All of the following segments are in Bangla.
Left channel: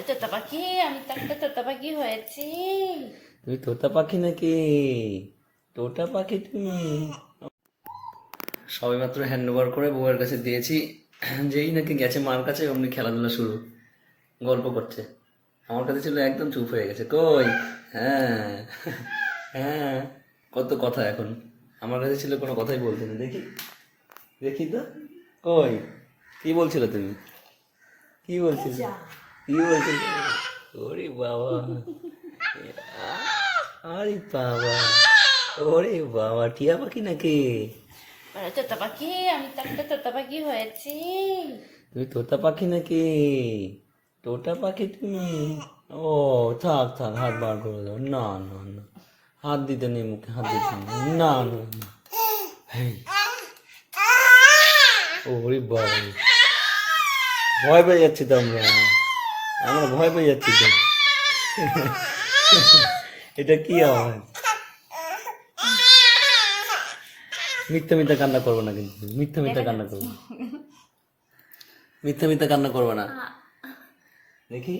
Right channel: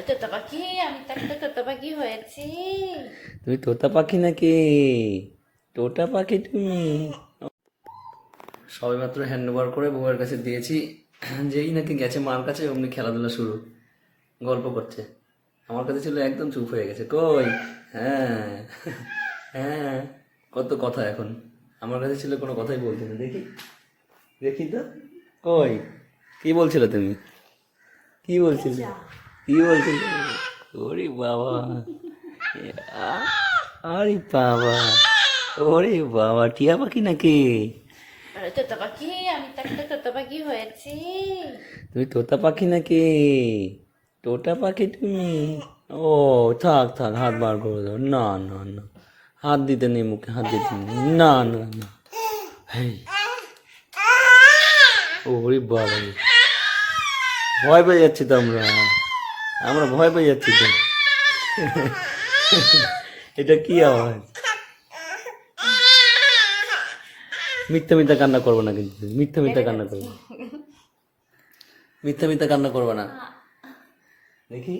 আরে তোতা পাখি, আমি তো একটা তোতা পাখি হয়েছি। তুমি তোতা পাখি নাকি? তোতা পাখি তুমি? সবেমাত্র হ্যান্ড ওভার করে বউয়ের কাছে দিয়েছি, যেই নাকি গেছে মার কাছে অমনি খেলাধুলা শুরু, গল্প করছে। আমার কাছে ছিল একদম চুপ হয়ে গেছে। কই? হ্যাঁ, হ্যাঁ, কত কথা এখন। আমার কাছে ছিল কোনো কথাই বলতে না। দেখি, দেখি তো, কই? কি বলছিলে তুমি? কি বলছিলে? কি বলছিলে? ওরে বাবা, আরে বাবা, ওরে বাবা, টিয়া পাখি নাকি? আরে তোতা পাখি, আমি তো একটা তোতা পাখি হয়েছি। তুমি তোতা পাখি নাকি? তোতা পাখি তুমি? ও, থাক থাক, হাত বার করে দাও। না না না, হাত দিতে নেই মুখে, হাত দিতে নেই। না না না, হেই, ওরে বাবা, ভয় পেয়ে যাচ্ছি তো আমরা, আমরা ভয় পেয়ে যাচ্ছি তো। এটা কি আওয়াজ? মিথ্যা মিথ্যা কান্না করবো না কিন্তু, মিথ্যা মিথ্যা কান্না করবো না। মিথ্যা মিথ্যা কান্না করবো না। দেখি,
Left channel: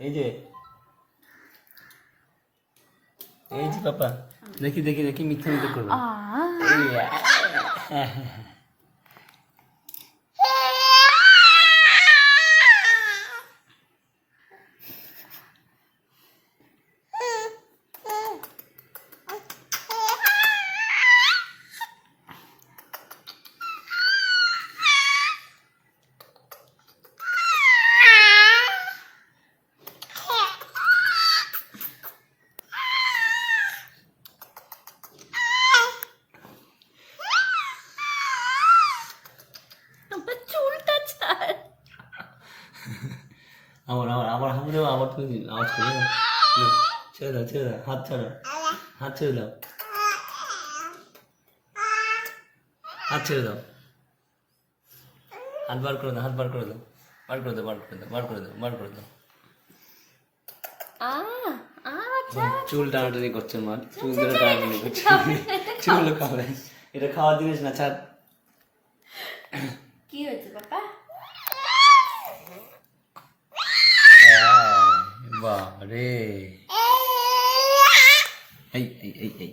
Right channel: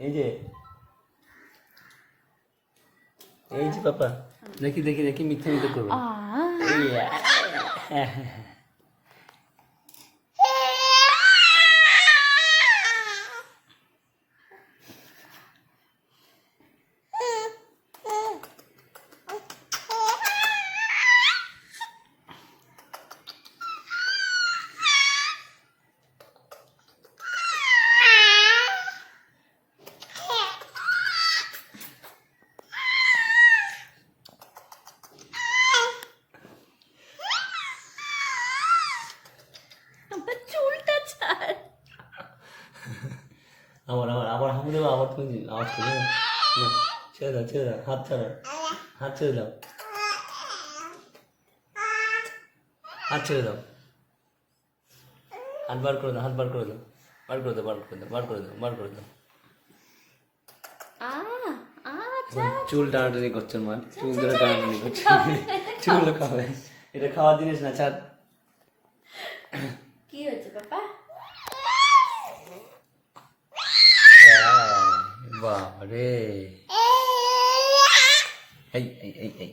এই যে, এই যে পাপা, দেখি দেখি দেখি, মিথ্যা মিথ্যা করবো না। এই, আমার চুলটা ছাড়। আবার আবার আবার হামু দেবো, আবার তুমি আওয়াজ করবে না। না, ছেড়ে দাও ছেড়ে দাও, হাত ছাড়ো, হাত ছেড়ে দাও, হাত ছেড়ে দাও, হাত বার করে দাও, হাত বার করে দাও, বার করে দাও, বার করে দাও, বার করে দাও, বার করে দাও। আ আচ্ছা, চুল টানাটানি করছে মা, চুল ধরে টানাটানি করছে। চুল খাবে, এটা খাওয়ার জিনিস না, ছাড়। কি হয়েছে পাপা? বাবা রে, এই এই এই এই